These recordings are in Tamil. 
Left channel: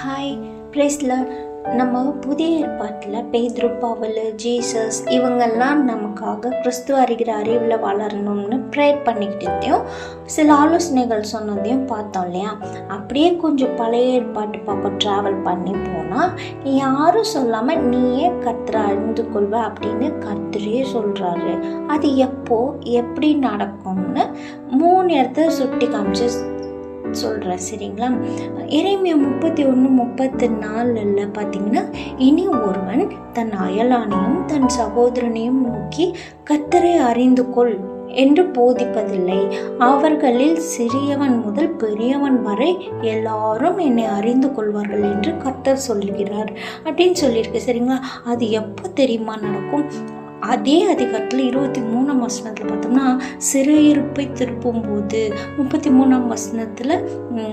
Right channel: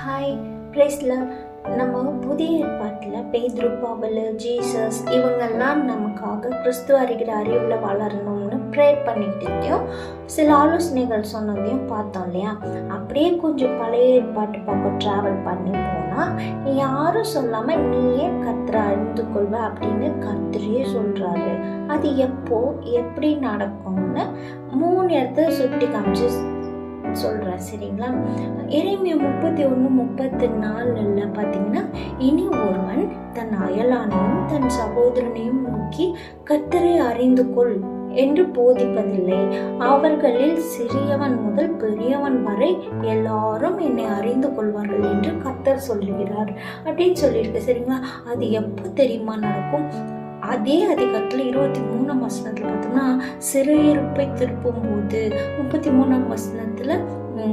ஹாய் பிரேஸ்ல நம்ம புதிய ஏற்பாட்டில் பேதுரு, பவுல், ஜீசஸ் இவங்கெல்லாம் நமக்காக கிறிஸ்துவ அறிகிற அறிவில் வளரணும்னு ப்ரேயர் பண்ணிக்கிட்டதையும் சில ஆலோசனைகள் சொன்னதையும் பார்த்தோம் இல்லையா. அப்படியே கொஞ்சம் பழைய ஏற்பாட்டு பக்கம் ட்ராவல் பண்ணி போனால் யாரும் சொல்லாமல் நீயே கர்த்தரை அறிந்து கொள்வ அப்படின்னு கர்த்தரே சொல்கிறாரு. அது எப்படி நடக்கும்னு 3 இடத்த சுட்டி காமிச்சு சொல்கிறேன், சரிங்களா. எரேமியா 31:34 பார்த்தீங்கன்னா, இனி ஒருவன் தன் அயலானையும் தன் சகோதரனையும் நோக்கி கர்த்தரை அறிந்து கொள் என்று போதிப்பதில்லை. அவர்களில் சிறியவன் முதல் பெரியவன் வரை எல்லாரும் என்னை அறிந்து கொள்வார்கள் என்று கர்த்தர் சொல்கிறார் அப்படின்னு சொல்லியிருக்கு, சரிங்களா. அது எப்போ தெரியுமா நடக்கும்? அதே அதிகாரத்தில் 23ஆம் வசனத்தில் பார்த்தோம்னா, சிறையிருப்பை திருப்பும் போது 33ஆம் வசனத்தில்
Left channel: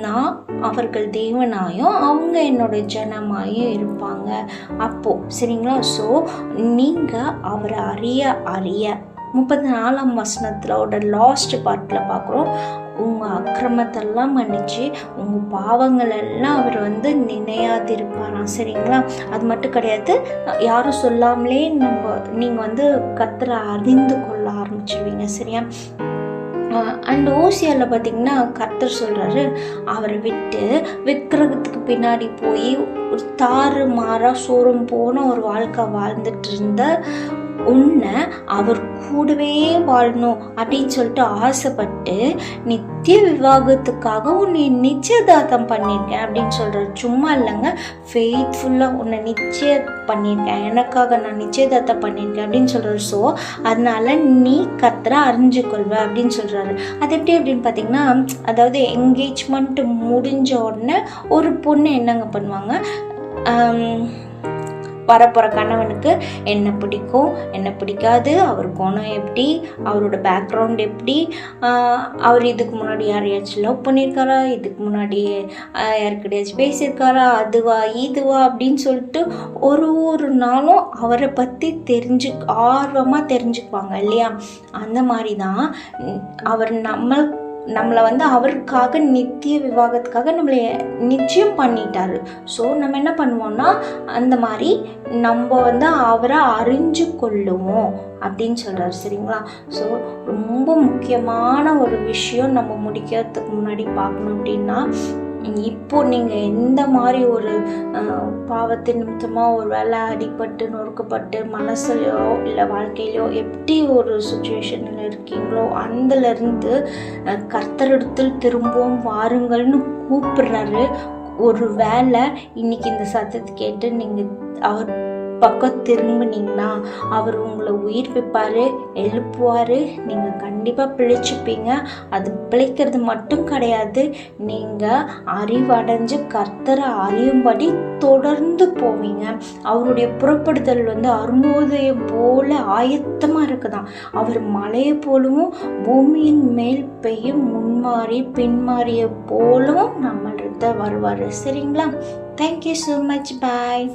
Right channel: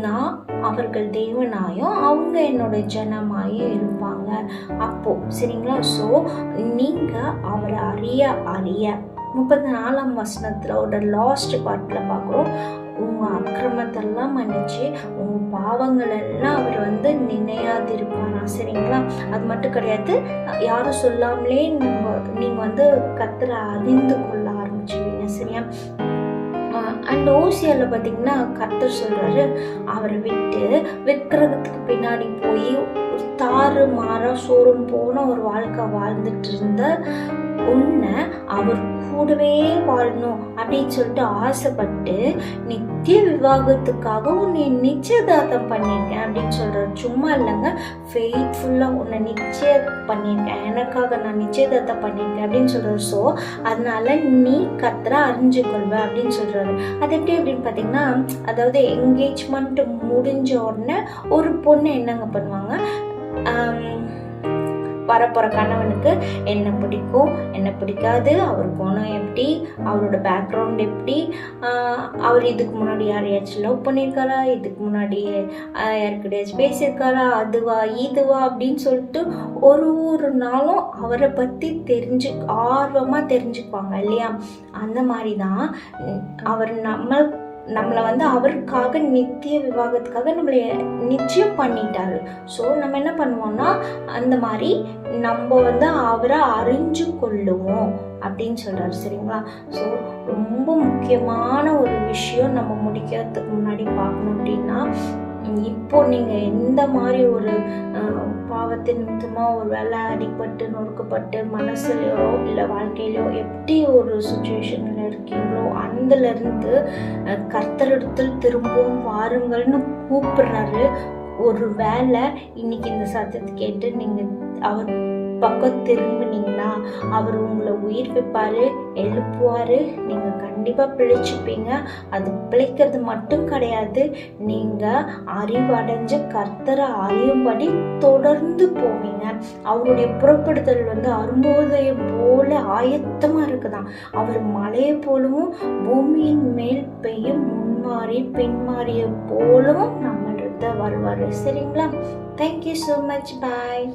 நான் அவர்கள் தேவனாயும் அவங்க என்னோட ஜனமாயும் இருப்பாங்க அப்போ, சரிங்களா. ஸோ நீங்கள் அவரை அறிய 34ஆம் வசனத்திலோட லாஸ்ட் பார்ட்டில் பார்க்குறோம், உங்கள் அக்கிரமத்தெல்லாம் மன்னிச்சு உங்கள் பாவங்கள் எல்லாம் அவர் நினையாதிருப்பாராம், சரிங்களா. அது மட்டும் கிடையாது, யாரும் சொல்லாமலே நீங்கள் கர்த்தரை அறிந்து கொள்ள ஆரம்பிச்சிடுவீங்க, சரியா. அண்ட் ஓசியாவில் பார்த்தீங்கன்னா கர்த்தர் சொல்கிறாரு, அவரை விட்டு விக்கிரகத்துக்கு பின்னாடி போய் ஒரு தாறு மாறா சோறும் போன ஒரு வாழ்க்கை வாழ்ந்துட்டு இருந்த உன்னை அவர் கூடவே வாழணும் அப்படின்னு சொல்லிட்டு ஆசைப்பட்டு நித்திய விவாகத்துக்காக உன்னை நிச்சயதார்த்தம் பண்ணியிருக்கேன் அப்படின்னு சொல்கிறார். சும்மா இல்லைங்க, ஃபெய்த்ஃபுல்லாக உன்னை நிச்சயம் பண்ணியிருக்கேன், எனக்காக நான் நிச்சயதார்த்தம் பண்ணியிருக்கேன் அப்படின்னு சொல்கிறார். ஸோ அதனால நீ கர்த்தரை அறிஞ்சுக்கொள்வ அப்படின்னு சொல்கிறாரு. அது எப்படி அப்படின்னு பார்த்தீங்கன்னா, அதாவது என்கேஜ்மெண்ட் முடிஞ்ச உடனே ஒரு பொண்ணு என்னங்க பண்ணுவாங்க, வரப்போகிற கணவனுக்கு என்ன பிடிக்கும் என்ன பிடிக்காது, அவர் குணம் எப்படி, அவரோட பேக்ரவுண்ட் எப்படி, அவர் இதுக்கு முன்னாடி யாரையாச்சும் லவ் பண்ணியிருக்காரா, இதுக்கு முன்னாடி யாருக்கிட்டையாச்சும் பேசியிருக்காரா, அதுவா இதுவா அப்படின்னு சொல்லிட்டு ஒரு நாளும் அவரை பற்றி ஆர்வமாக தெரிஞ்சுக்குவாங்க இல்லையா. அந்த மாதிரி தான் அவர் நம்மளை அவருக்காக நித்திய விவாகத்துக்காக நம்மளை நிச்சயம் பண்ணிட்டாரு. ஸோ நம்ம என்ன பண்ணுவோம்னா, அந்த மாதிரி நம்ம அவரை அறிஞ்சு கொள்ளுவோம் அப்படின்னு சொல்கிறாரு, சரிங்களா. ஸோ ரொம்ப முக்கியமான ஒரு விஷயம் நம்ம முடிக்கிறதுக்கு முன்னாடி பார்க்கணும் அப்படின்னா, இப்போ நீங்கள் எந்த மாதிரி ஒரு பாவத்தின் நிமித்தமாக ஒரு வேலை அடிபட்டு நொறுக்கப்பட்டு மனசுலையோ இல்லை வாழ்க்கையிலையோ எப்படி ஒரு சுச்சுவேஷனில் இருக்கீங்களோ அதுலேருந்து கர்த்தரிடத்தில் திரும்பவும் வாருங்கள்னு கூப்பிடுறாரு. ஒரு வேளை இன்னைக்கு இந்த சத்தத்தை கேட்டு நீங்கள் அவர் பக்கம் திரும்பினீங்கன்னா அவர் உங்களை உயிர்ப்பிப்பார், எழுப்புவார், நீங்கள் கண்டிப்பாக பிழைச்சிப்பீங்க. அது பிழைக்கிறது மட்டும் கிடையாது, நீங்கள் அறிவடைஞ்சு கர்த்தரை அறியும்படி தொடர்ந்து போவீங்க. அவருடைய புறப்படுதல் அரும்போதையம் போல ஆயத்தமாக இருக்குதான். அவர் மலையை போலவும் பூமியின் மேல் பெய்யும் முன்மாறி பின்மாறிய போலவும் நம்மள்கிட்ட வருவார், சரிங்களா. தேங்க்யூ ஸோ மச், பாய்.